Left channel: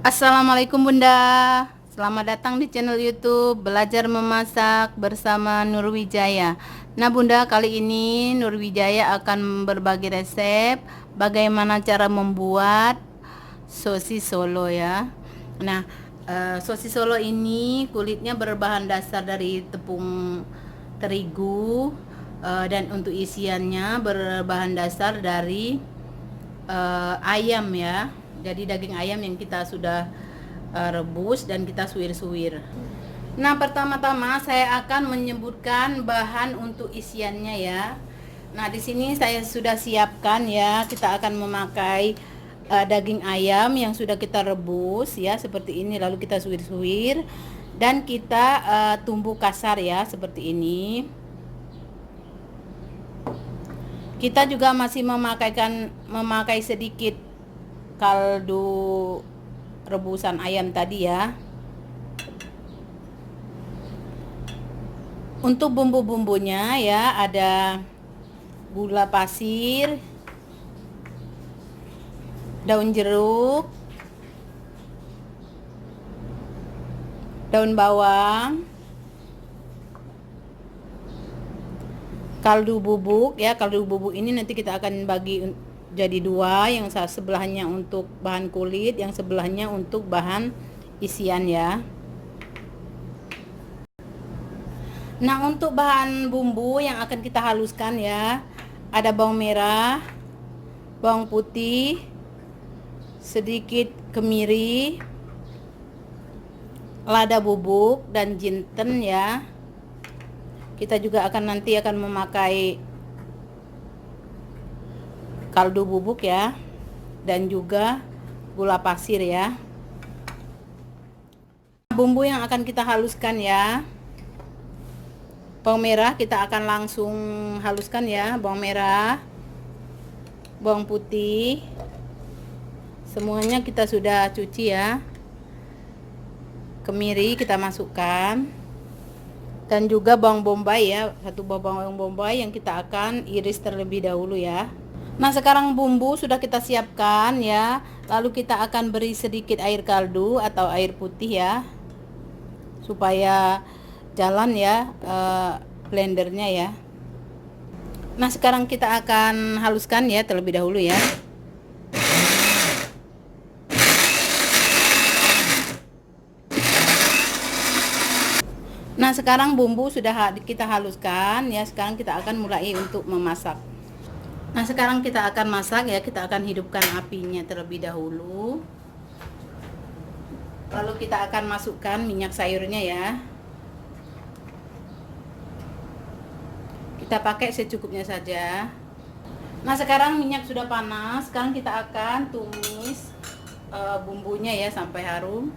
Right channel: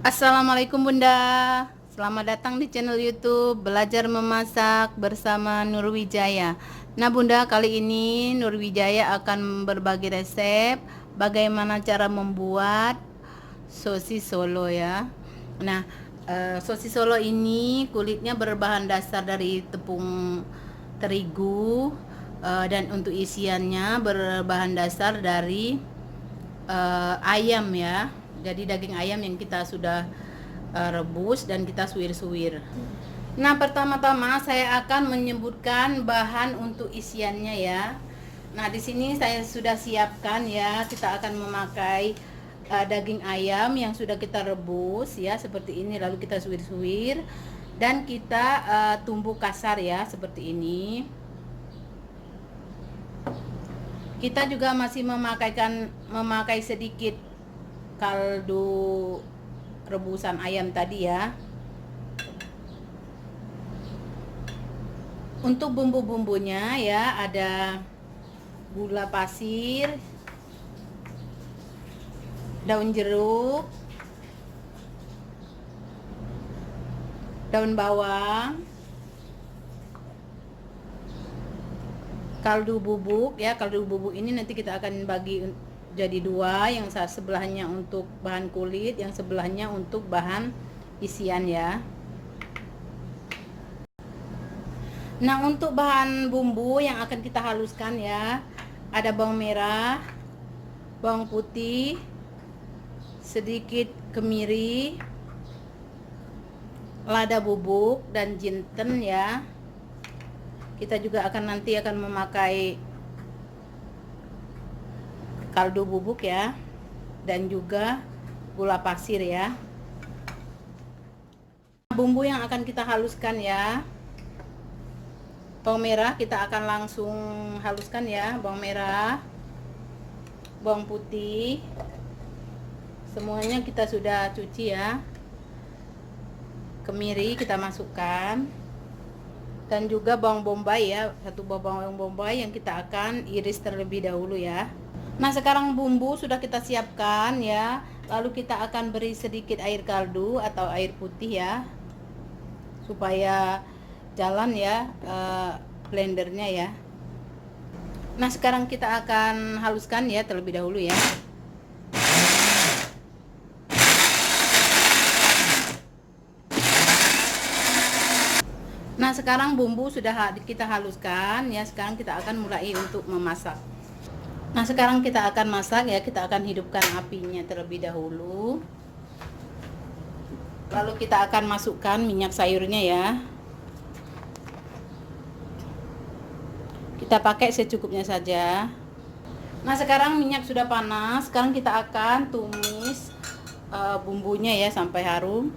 Assalamualaikum Bunda, selamat datang di channel YouTube Belajar Memasak bersama Nurwijaya. Nah Bunda, kali ini Nurwijaya akan berbagi resep bagaimana cara membuat sosis Solo ya. Nah, sosis Solo ini kulitnya berbahan dasar dari tepung terigu, dan untuk isiannya berbahan dasar dari ayam ya. Jadi daging ayam yang kita sudah rebus dan kita suwir-suwir. Nah, pertama-tama saya akan menyebutkan bahan untuk isiannya ya. Nah, di sini saya sudah siapkan ya. Kita akan memakai daging ayam yang sudah kita rebus ya, seperti ini, lalu kita suwir-suwir dan kita tumbuk kasar ya, seperti ini. Kita juga masih memakai sedikit kaldu rebusan ayam tadi ya. Untuk bumbu-bumbunya ya, ada gula pasir, daun jeruk, daun bawang, kaldu bubuk ya. Kaldu bubuk ini nanti kita akan bagi jadi dua, yang sebelahnya untuk bahan kulit, yang sebelahnya untuk bahan isian ya. Nah, untuk bahan bumbu yang akan kita haluskan ya, ada bawang merah, bawang putih, sedikit kemiri, lada bubuk dan jinten ya. Kita juga nanti akan memakai kaldu bubuk ya, dan juga gula pasir ya. Bumbu yang akan kita haluskan ya, bawang merah kita akan langsung haluskan ya. Bawang merah, bawang putih, semuanya kita sudah cuci ya. Kemiri kita masukkan, dan juga bawang bombay ya, satu bawang bombay yang kita akan iris terlebih dahulu ya. Nah, sekarang bumbu sudah kita siapkan ya. Lalu kita akan beri sedikit air kaldu atau air putih ya, supaya jalan ya blendernya ya. Nah, sekarang kita akan haluskan ya terlebih dahulu ya. Nah, sekarang bumbu sudah kita haluskan ya. Sekarang kita akan mulai untuk memasak. Nah, sekarang kita akan masak ya. Kita akan hidupkan apinya terlebih dahulu. Lalu kita akan masukkan minyak sayurnya ya. Kita pakai secukupnya saja. Nah, sekarang minyak sudah panas. Sekarang kita akan tumis bumbunya ya sampai harum.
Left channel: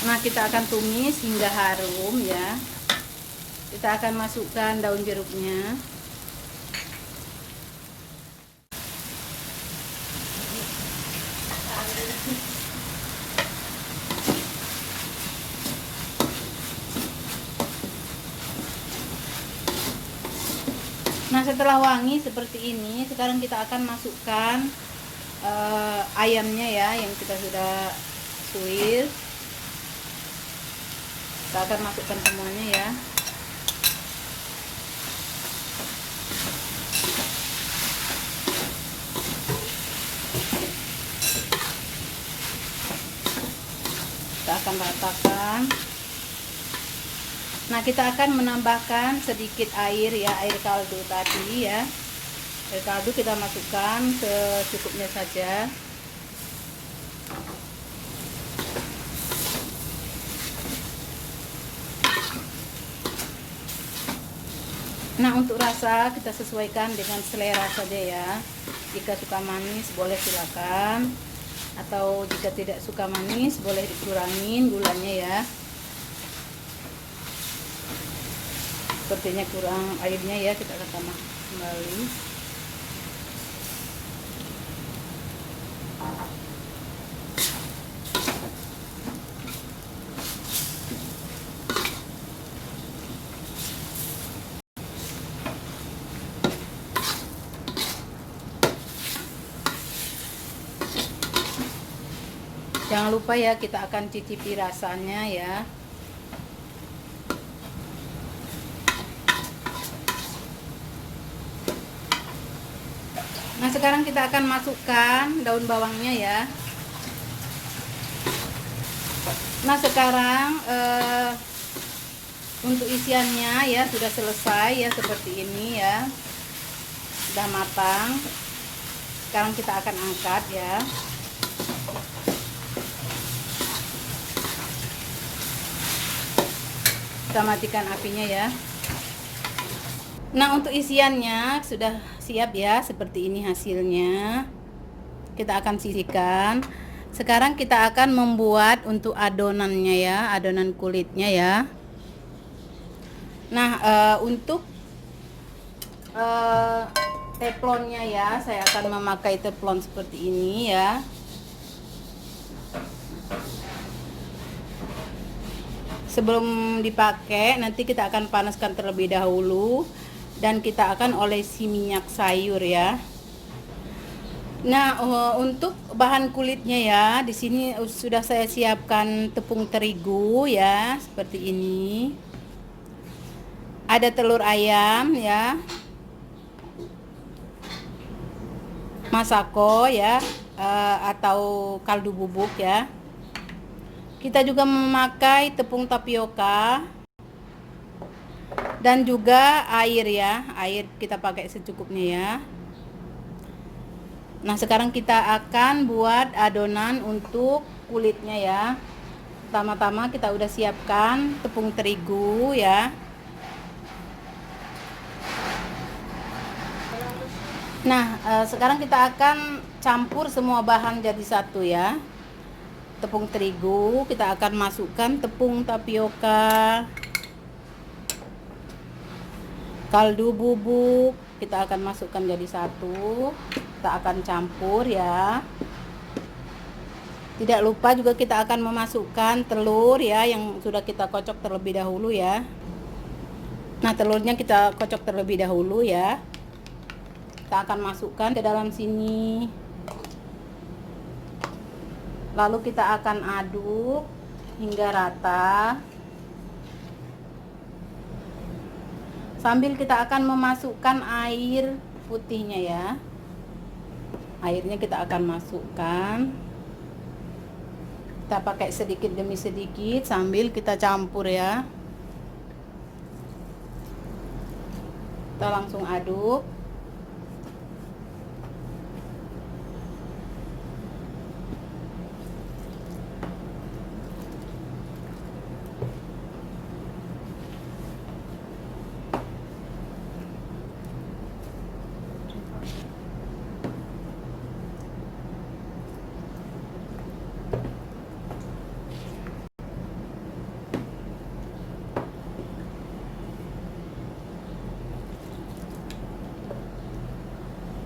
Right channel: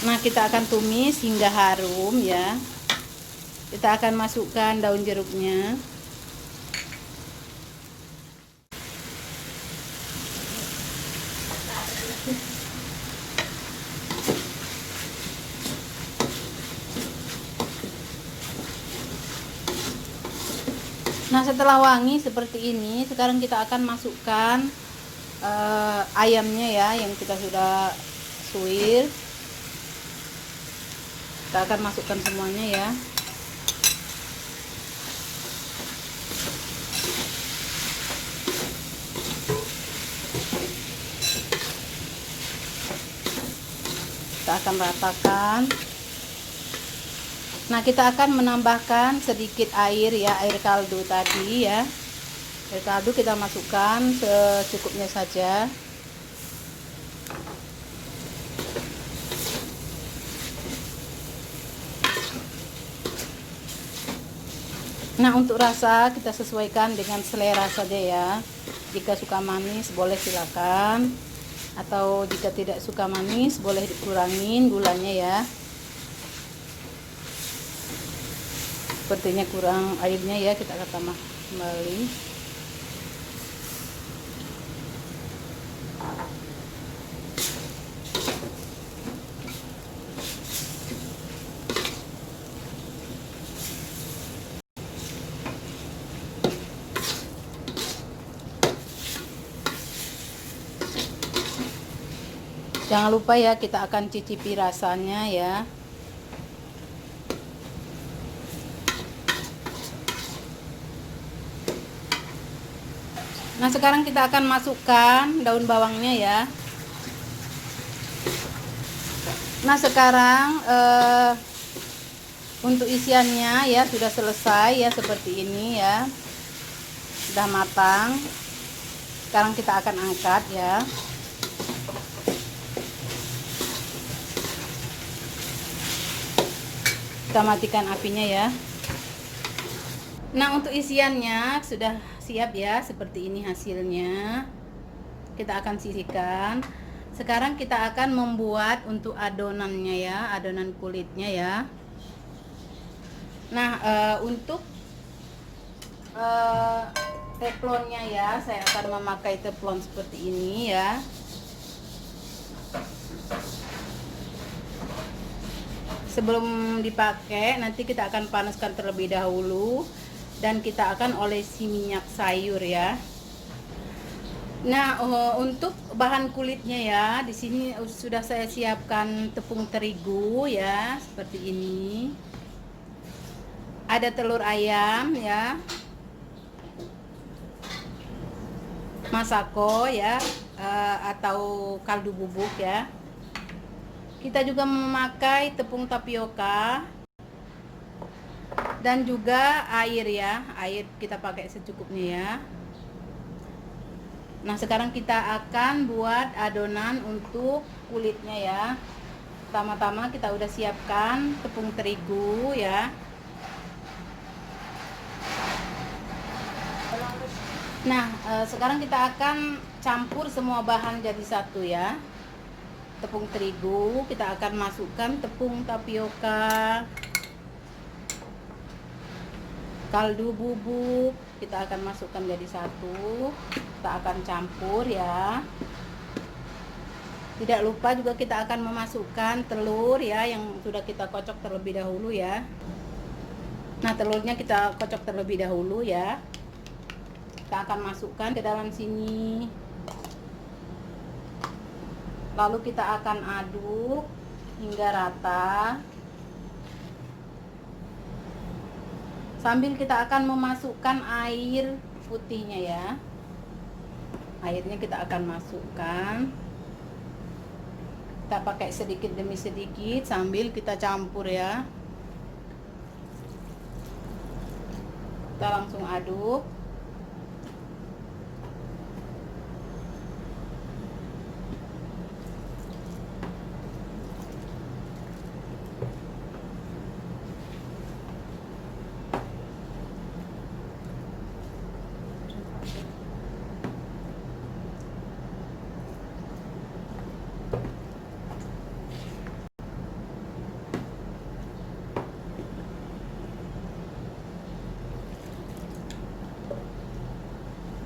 Nah, kita akan tumis hingga harum ya. Kita akan masukkan daun jeruknya. Nah, setelah wangi seperti ini, sekarang kita akan masukkan ayamnya ya, yang kita sudah suwir. Kita akan masukkan semuanya ya. Kita akan ratakan. Nah, kita akan menambahkan sedikit air ya, air kaldu tadi ya. Air kaldu kita masukkan secukupnya saja. Nah, untuk rasa kita sesuaikan dengan selera saja ya. Jika suka manis boleh silakan, atau jika tidak suka manis boleh dikurangin gulanya ya. Sepertinya kurang airnya ya, kita akan tambah kembali. Jangan lupa ya, kita akan cicipi rasanya ya. Nah, sekarang kita akan masukkan daun bawangnya ya. Nah, sekarang untuk isiannya ya sudah selesai ya, seperti ini ya. Sudah matang. Sekarang kita akan angkat ya. Kita matikan apinya ya. Nah, untuk isiannya sudah siap ya, seperti ini hasilnya. Kita akan sisihkan. Sekarang kita akan membuat untuk adonannya ya, adonan kulitnya ya. Nah, untuk teflonnya ya, saya akan memakai teflon seperti ini ya. Sebelum dipakai, nanti kita akan panaskan terlebih dahulu dan kita akan olesi minyak sayur ya. Nah, untuk bahan kulitnya ya, di sini sudah saya siapkan tepung terigu ya, seperti ini. Ada telur ayam ya, masako ya, atau kaldu bubuk ya. Kita juga memakai tepung tapioka dan juga air ya, air kita pakai secukupnya ya. Nah, sekarang kita akan buat adonan untuk kulitnya ya. Pertama-tama kita udah siapkan tepung terigu ya. Nah, sekarang kita akan campur semua bahan jadi satu ya. Tepung terigu, kita akan masukkan tepung tapioka, kaldu bubuk, kita akan masukkan jadi satu. Kita akan campur ya. Tidak lupa juga kita akan memasukkan telur ya, yang sudah kita kocok terlebih dahulu ya. Nah, telurnya kita kocok terlebih dahulu ya. Kita akan masukkan ke dalam sini. Lalu kita akan aduk hingga rata. Sambil kita akan memasukkan air putihnya ya. Airnya kita akan masukkan. Kita pakai sedikit demi sedikit sambil kita campur ya. Kita langsung aduk.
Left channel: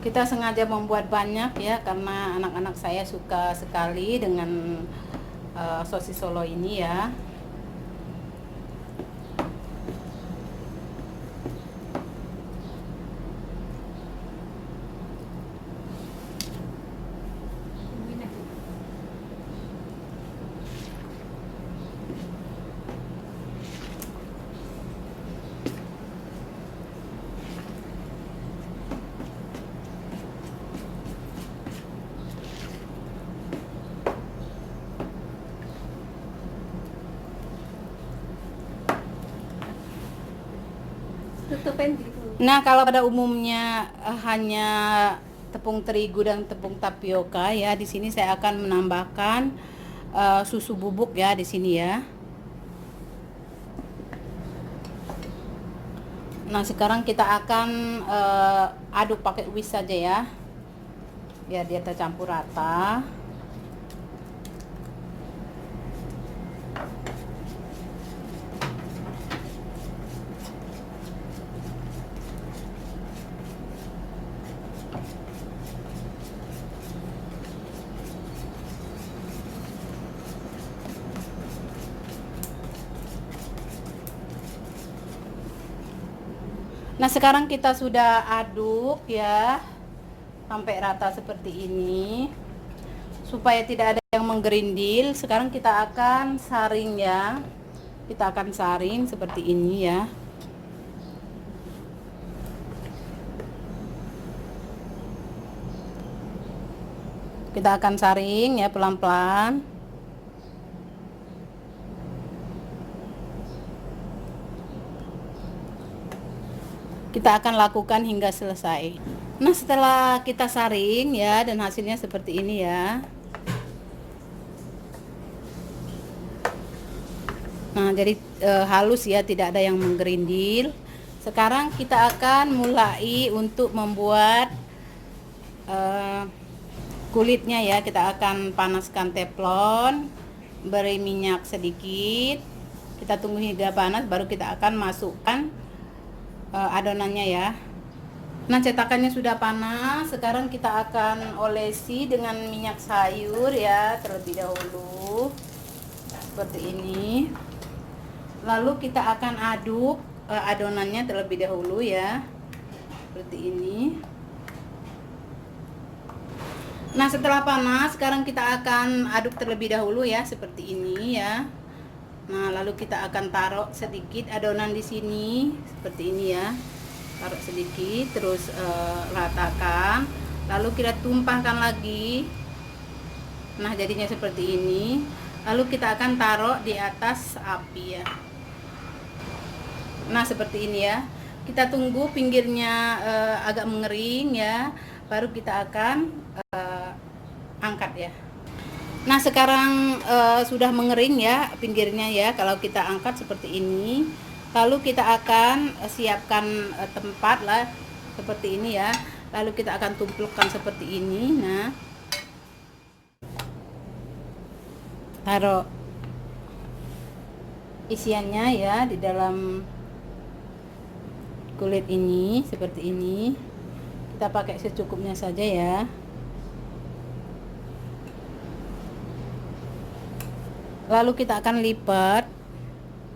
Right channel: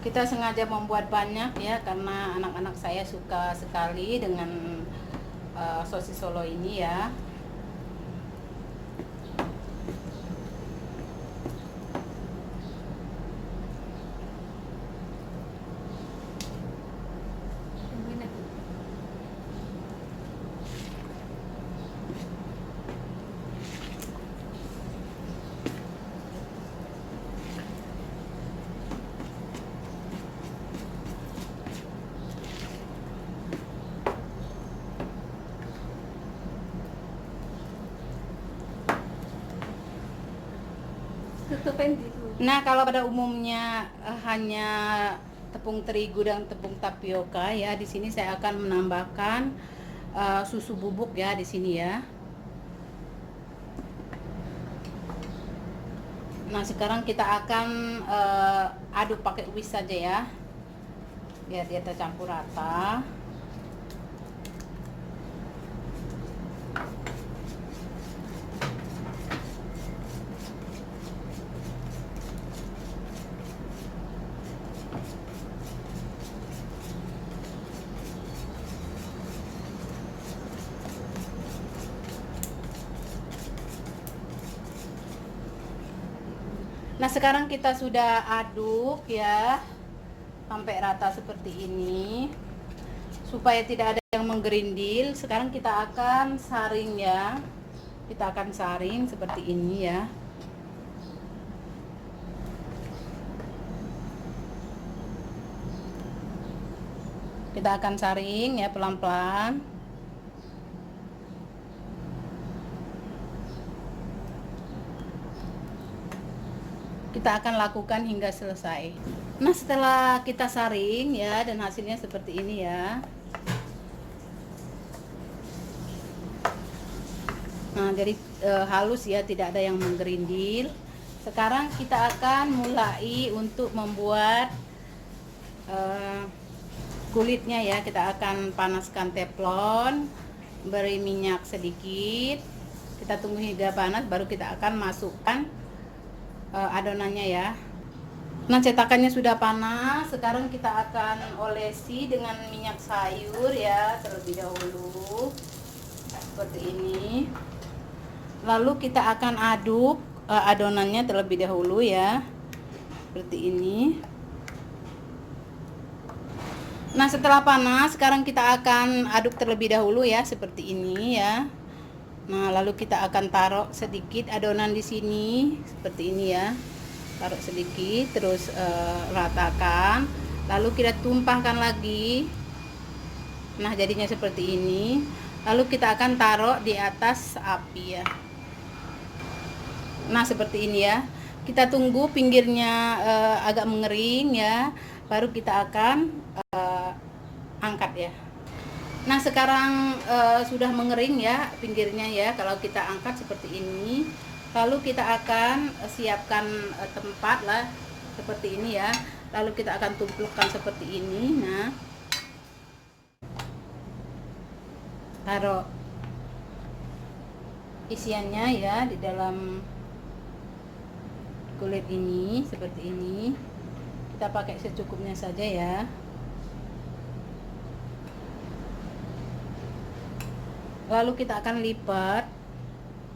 Kita sengaja membuat banyak ya, karena anak-anak saya suka sekali dengan sosis Solo ini ya. Nah, kalau pada umumnya hanya tepung terigu dan tepung tapioka ya, di sini saya akan menambahkan susu bubuk ya di sini ya. Nah, sekarang kita akan aduk pakai whisk saja ya, biar dia tercampur rata. Nah, sekarang kita sudah aduk ya sampai rata seperti ini. supaya tidak ada yang menggerindil. Sekarang kita akan saring ya. Kita akan saring seperti ini ya. Kita akan saring ya pelan-pelan. Kita akan lakukan hingga selesai. Nah, setelah kita saring ya dan hasilnya seperti ini ya. Nah, jadi halus ya, tidak ada yang menggerindil. Sekarang kita akan mulai untuk membuat kulitnya ya. Kita akan panaskan teflon, beri minyak sedikit. Kita tunggu hingga panas, baru kita akan masukkan adonannya ya. Nah, cetakannya sudah panas. Sekarang kita akan olesi dengan minyak sayur ya terlebih dahulu seperti ini. Lalu kita akan aduk adonannya terlebih dahulu ya seperti ini. Nah, setelah panas sekarang kita akan aduk terlebih dahulu ya seperti ini ya. Nah, lalu kita akan taruh sedikit adonan di sini seperti ini ya. Taruh sedikit, terus ratakan. Lalu kita tumpahkan lagi. Nah, jadinya seperti ini. Lalu kita akan taruh di atas api ya. Nah, seperti ini ya. Kita tunggu pinggirnya agak mengering ya. Baru kita akan angkat ya. Nah, sekarang sudah mengering ya pinggirnya ya. Kalau kita angkat seperti ini, lalu kita akan siapkan tempat lah seperti ini ya. Lalu kita akan tumpukan seperti ini. Nah, taruh isiannya ya di dalam kulit ini seperti ini. Kita pakai secukupnya saja ya. Lalu kita akan lipat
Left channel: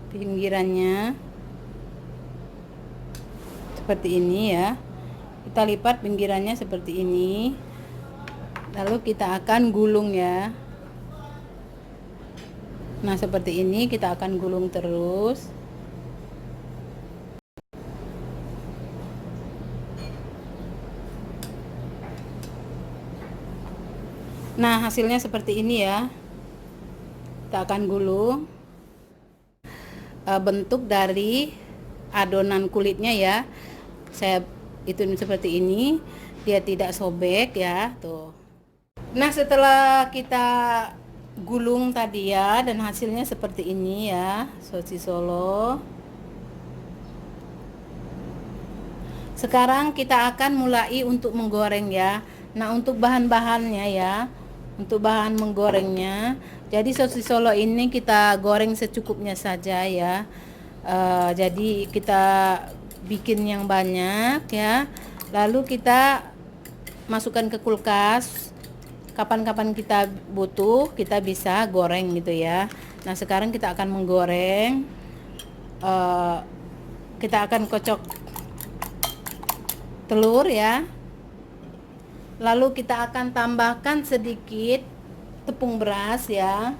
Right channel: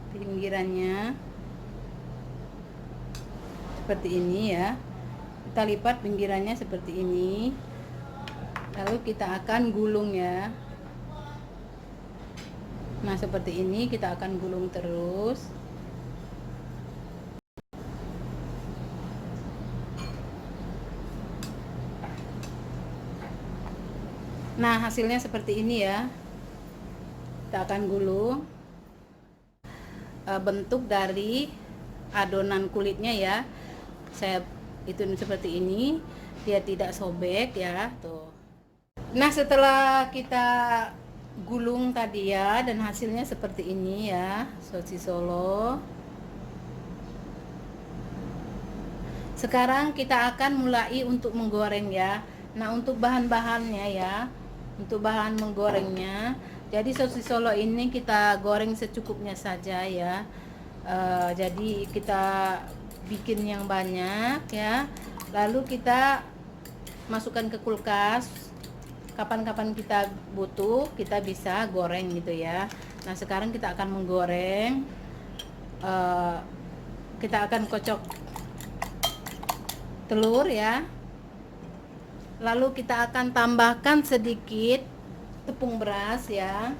pinggirannya seperti ini ya. Kita lipat pinggirannya seperti ini. Lalu kita akan gulung ya. Nah, seperti ini kita akan gulung terus. Nah, hasilnya seperti ini ya. Kita akan gulung bentuk dari adonan kulitnya ya. Saya itu seperti ini, dia tidak sobek ya tuh. Nah, setelah kita gulung tadi ya dan hasilnya seperti ini ya, sosis Solo. Sekarang kita akan mulai untuk menggoreng ya. Nah, untuk bahan-bahannya ya, untuk bahan menggorengnya, jadi sosis Solo ini kita goreng secukupnya saja ya. Jadi kita bikin yang banyak ya. Lalu kita masukkan ke kulkas. Kapan-kapan kita butuh, kita bisa goreng gitu ya. Nah, sekarang kita akan menggoreng. Kita akan kocok telur ya. Lalu kita akan tambahkan sedikit tepung beras ya.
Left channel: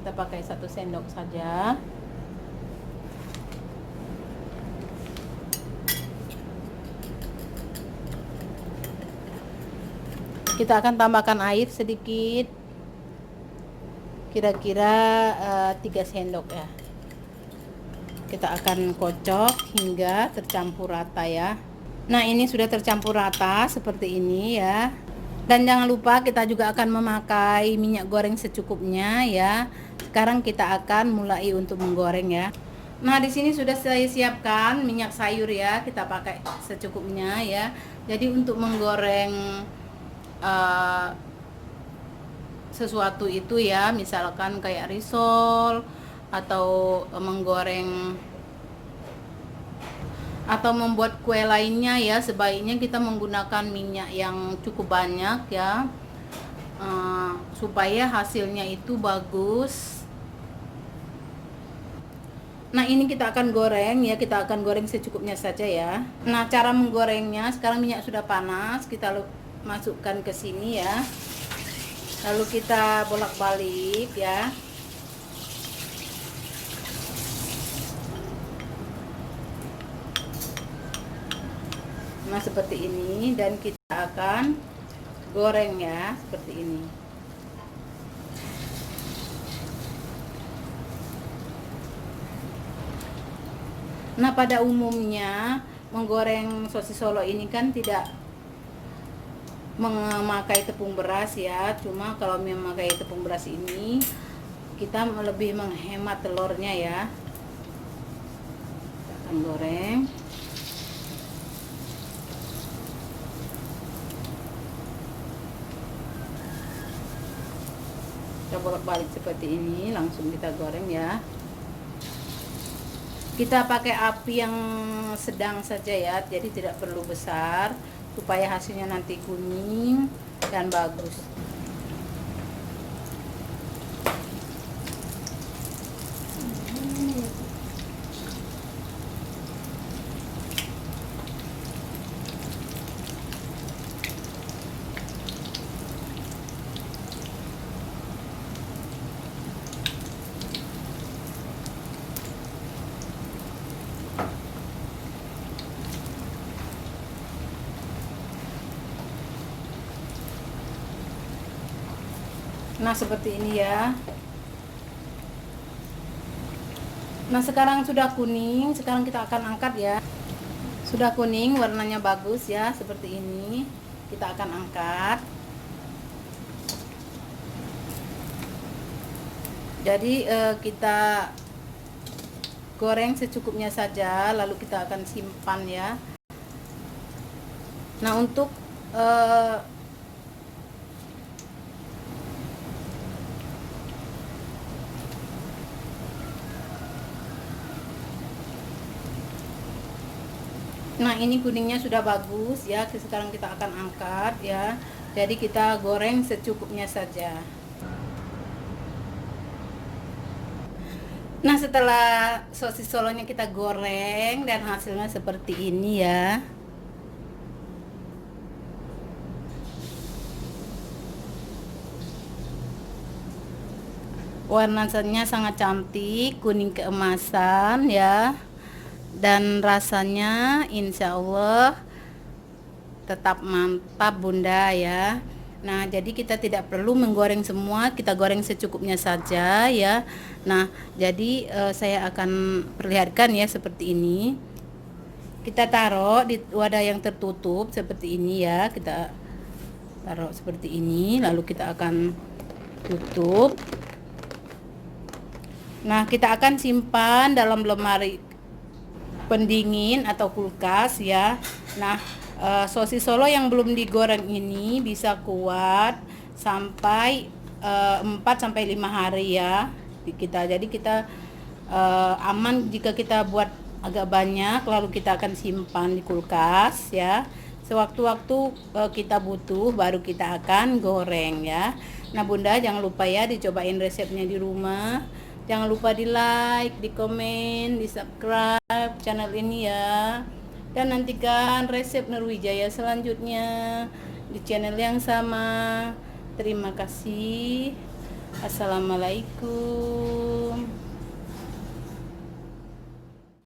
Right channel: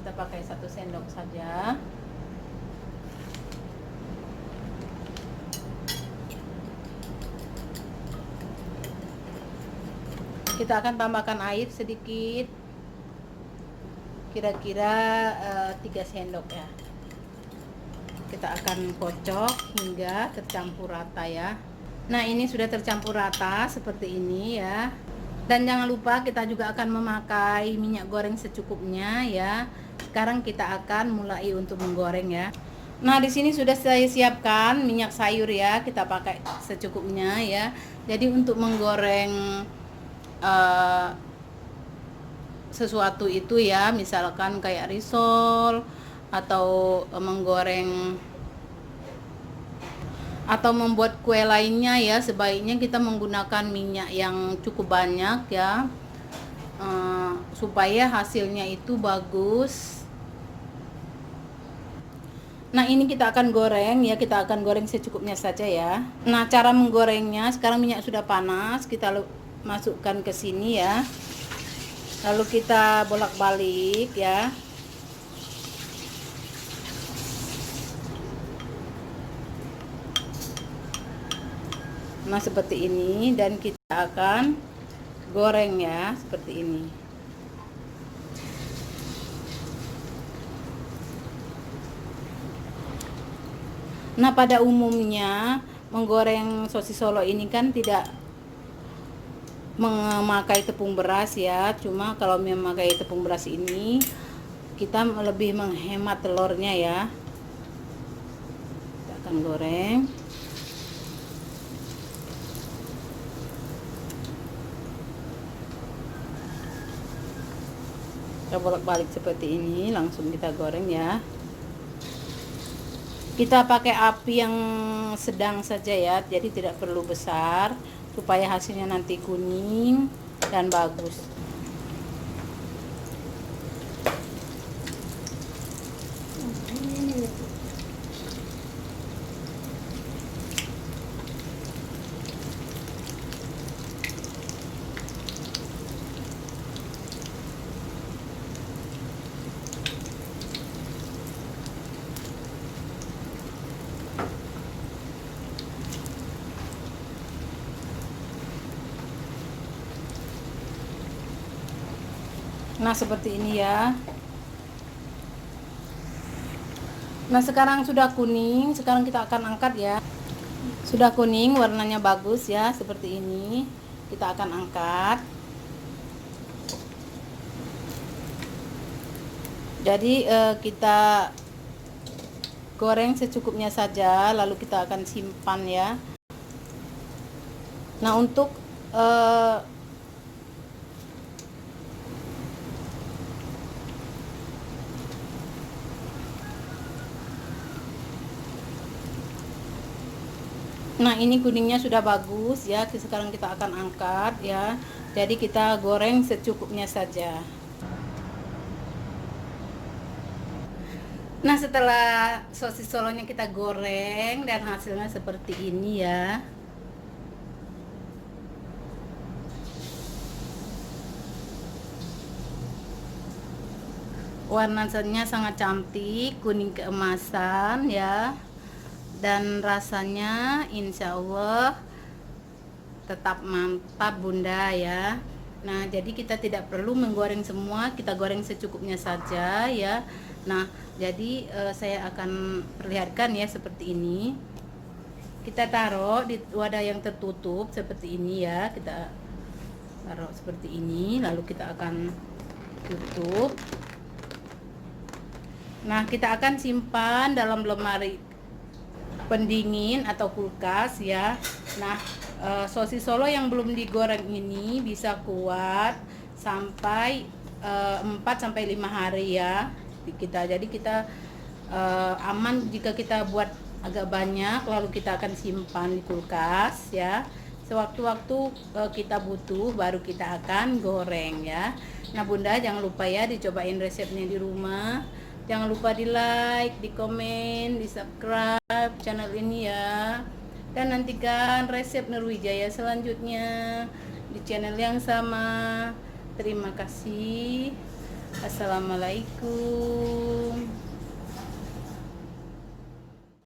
Kita pakai 1 sendok saja. Kita akan tambahkan air sedikit, kira-kira 3 sendok ya. Kita akan kocok hingga tercampur rata ya. Nah, ini sudah tercampur rata seperti ini ya. Dan jangan lupa kita juga akan memakai minyak goreng secukupnya ya. Sekarang kita akan mulai untuk menggoreng ya. Nah, di sini sudah saya siapkan minyak sayur ya. Kita pakai secukupnya ya. Jadi untuk menggoreng sesuatu itu ya, misalkan kayak risol atau menggoreng atau membuat kue lainnya ya, sebaiknya kita menggunakan minyak yang cukup banyak ya, supaya hasilnya itu bagus. Nah, ini kita akan goreng ya, kita akan goreng secukupnya saja ya. Nah, cara menggorengnya, sekarang minyak sudah panas, kita masukkan ke sini ya. Lalu kita bolak-balik ya. Nah seperti ini, dan kita akan goreng ya seperti ini. Nah pada umumnya menggoreng sosis Solo ini kan tidak memakai tepung beras ya, cuma kalau memakai tepung beras ini kita lebih menghemat telurnya ya. Kita akan goreng. Kita bolak-balik seperti ini, langsung kita goreng ya. Kita pakai api yang sedang saja ya, jadi tidak perlu besar, supaya hasilnya nanti kuning dan bagus. Nah seperti ini ya. Nah sekarang sudah kuning, sekarang kita akan angkat ya. Sudah kuning, warnanya bagus ya, seperti ini. Kita akan angkat. Jadi kita goreng secukupnya saja, lalu kita akan simpan ya. Nah untuk nah ini kuningnya sudah bagus ya. Sekarang kita akan angkat ya. Jadi kita goreng secukupnya saja. Nah setelah sosis Solonya kita goreng dan hasilnya seperti ini ya. Warnanya sangat cantik, kuning keemasan ya. Dan rasanya insya Allah tetap mantap Bunda ya. Nah jadi kita tidak perlu menggoreng semua, kita goreng secukupnya saja ya. Nah jadi saya akan perlihatkan ya seperti ini. Kita taruh di wadah yang tertutup seperti ini ya. Kita taruh seperti ini, lalu kita akan tutup. Nah kita akan simpan dalam lemari pendingin atau kulkas ya. Nah sosis Solo yang belum digoreng ini bisa kuat sampai 4 sampai 5 hari ya kita. Jadi kita aman jika kita buat agak banyak, lalu kita akan simpan di kulkas ya. Sewaktu-waktu kita butuh baru kita akan goreng ya. Nah Bunda jangan lupa ya dicobain resepnya di rumah. Jangan lupa di like, di komen, di subscribe channel ini ya. Dan nantikan resep Nurwijaya selanjutnya di channel yang sama. Terima kasih. Assalamualaikum.